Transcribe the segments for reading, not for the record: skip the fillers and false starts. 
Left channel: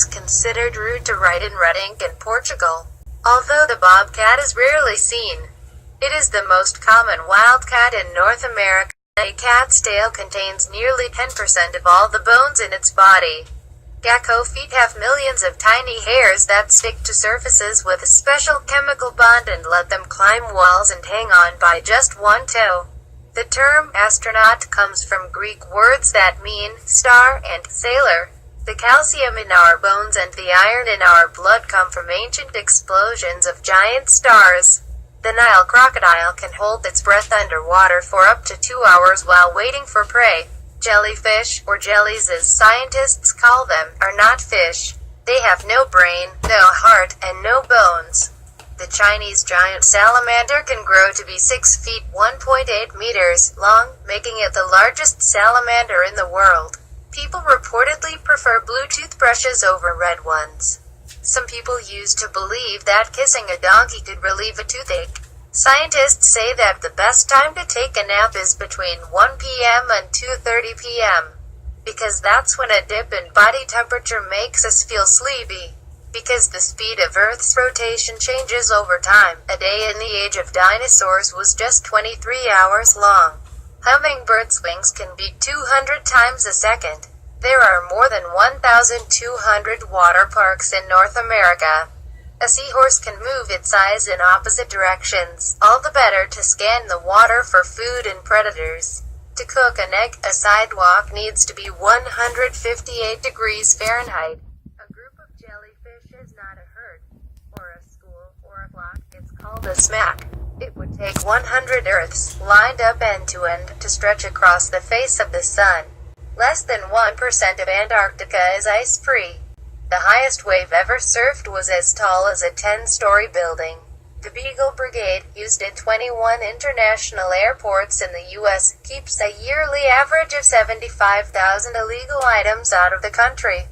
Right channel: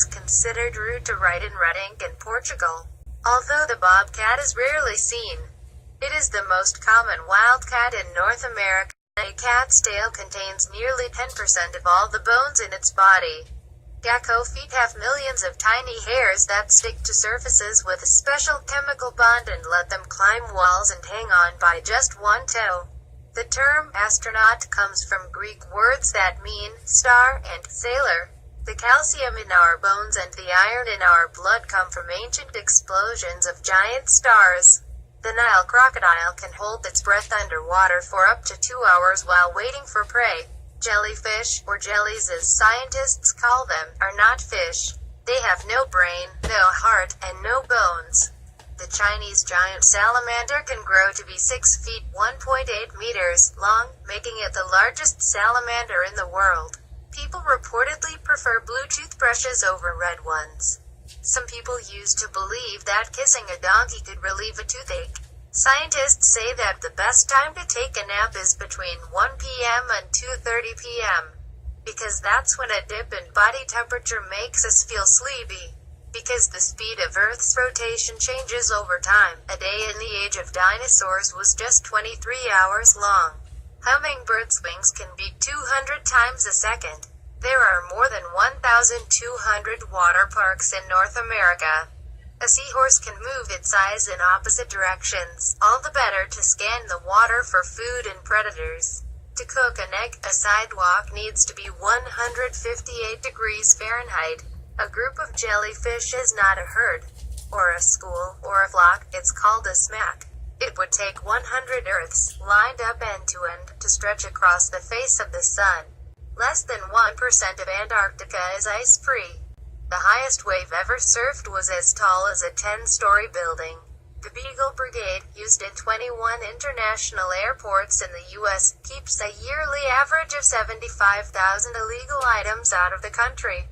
it's considered rude to write in red ink in Portugal. Although the bobcat is rarely seen, it is the most common wildcat in North America. A cat's tail contains nearly 10% of all the bones in its body. Gecko feet have millions of tiny hairs that stick to surfaces with a special chemical bond and let them climb walls and hang on by just one toe. The term astronaut comes from Greek words that mean star and sailor. The calcium in our bones and the iron in our blood come from ancient explosions of giant stars. The Nile crocodile can hold its breath underwater for up to 2 hours while waiting for prey. Jellyfish, or jellies as scientists call them, are not fish. They have no brain, no heart, and no bones. The Chinese giant salamander can grow to be 6 feet 1.8 meters long, making it the largest salamander in the world. People reportedly prefer blue toothbrushes over red ones. Some people used to believe that kissing a donkey could relieve a toothache. Scientists say that the best time to take a nap is between 1 p.m. and 2:30 p.m. because that's when a dip in body temperature makes us feel sleepy. Because the speed of Earth's rotation changes over time, a day in the age of dinosaurs was just 23 hours long. Hummingbirds' wings can beat 200 times a second. There are more than 1,200 water parks in North America. A seahorse can move its eyes in opposite directions, all the better to scan the water for food and predators. To cook an egg, a sidewalk needs to be 158 degrees Fahrenheit. A group of jellyfish is not a herd, or a school, or a flock. It's called a smack. It would take 100 Earths, lined up end to end, to stretch across the face of the sun. Less than 1% of Antarctica is ice-free. The highest wave ever surfed was as tall as a 10-story building. The Beagle Brigade, used in 21 international airports in the U.S., keeps a yearly average of 75,000 illegal items out of the country.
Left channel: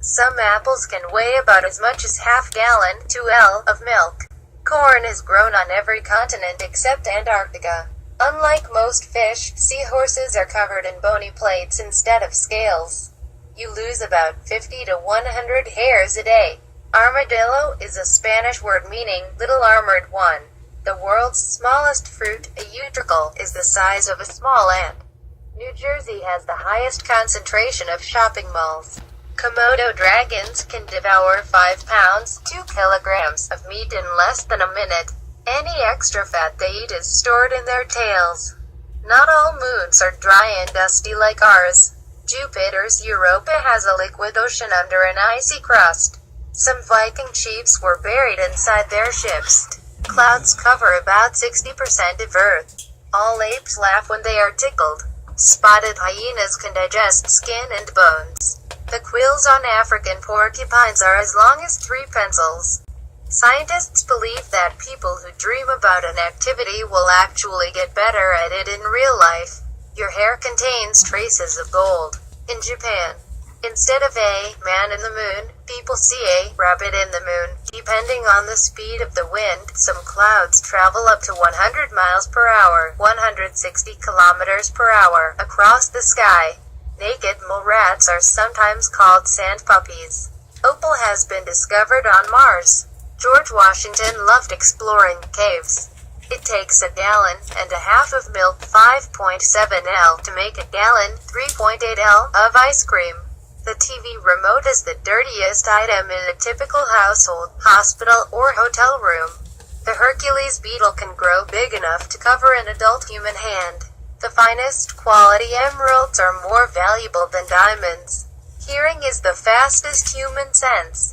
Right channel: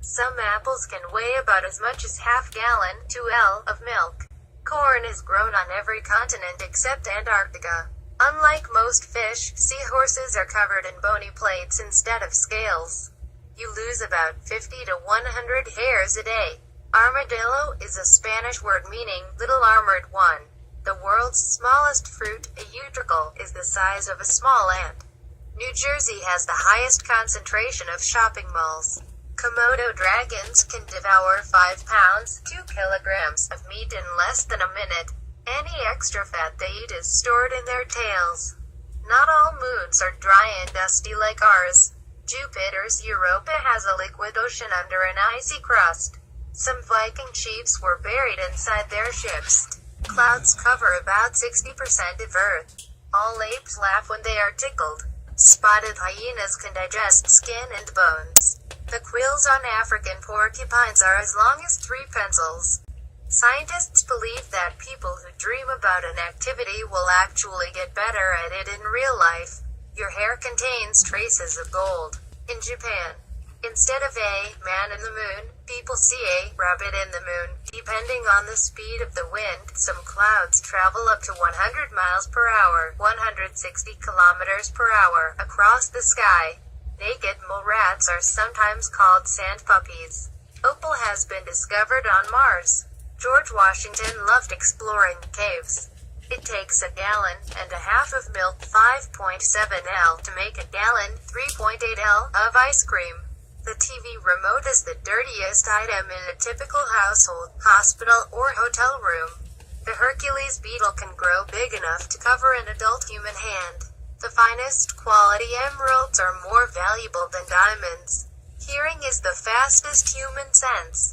Some apples can weigh about as much as half-gallon, 2L, of milk. Corn is grown on every continent except Antarctica. Unlike most fish, seahorses are covered in bony plates instead of scales. You lose about 50 to 100 hairs a day. Armadillo is a Spanish word meaning little armored one. The world's smallest fruit, a utricle, is the size of a small ant. New Jersey has the highest concentration of shopping malls. Komodo dragons can devour 5 pounds, 2 kilograms, of meat in less than a minute. Any extra fat they eat is stored in their tails. Not all moons are dry and dusty like ours. Jupiter's Europa has a liquid ocean under an icy crust. Some Viking chiefs were buried inside their ships. Clouds cover about 60% of Earth. All apes laugh when they are tickled. Spotted hyenas can digest skin and bones. The quills on African porcupines are as long as 3 pencils. Scientists believe that people who dream about an activity will actually get better at it in real life. Your hair contains traces of gold. In Japan, instead of a man in the moon, people see a rabbit in the moon. Depending on the speed of the wind, some clouds travel up to 100 miles per hour, 160 kilometers per hour, across the sky. Naked mole rats are sometimes called sand puppies. Opal has been discovered on Mars. George Washington loved exploring caves. It takes 1.5 gallons of milk, 5.7 L, to make 1 gallon, 3.8 L, of ice cream. The TV remote is the dirtiest item in a typical household, hospital, or hotel room. The Hercules beetle can grow big enough to cover an adult human hand. The finest quality emeralds are more valuable than diamonds. Hearing is the fastest human sense.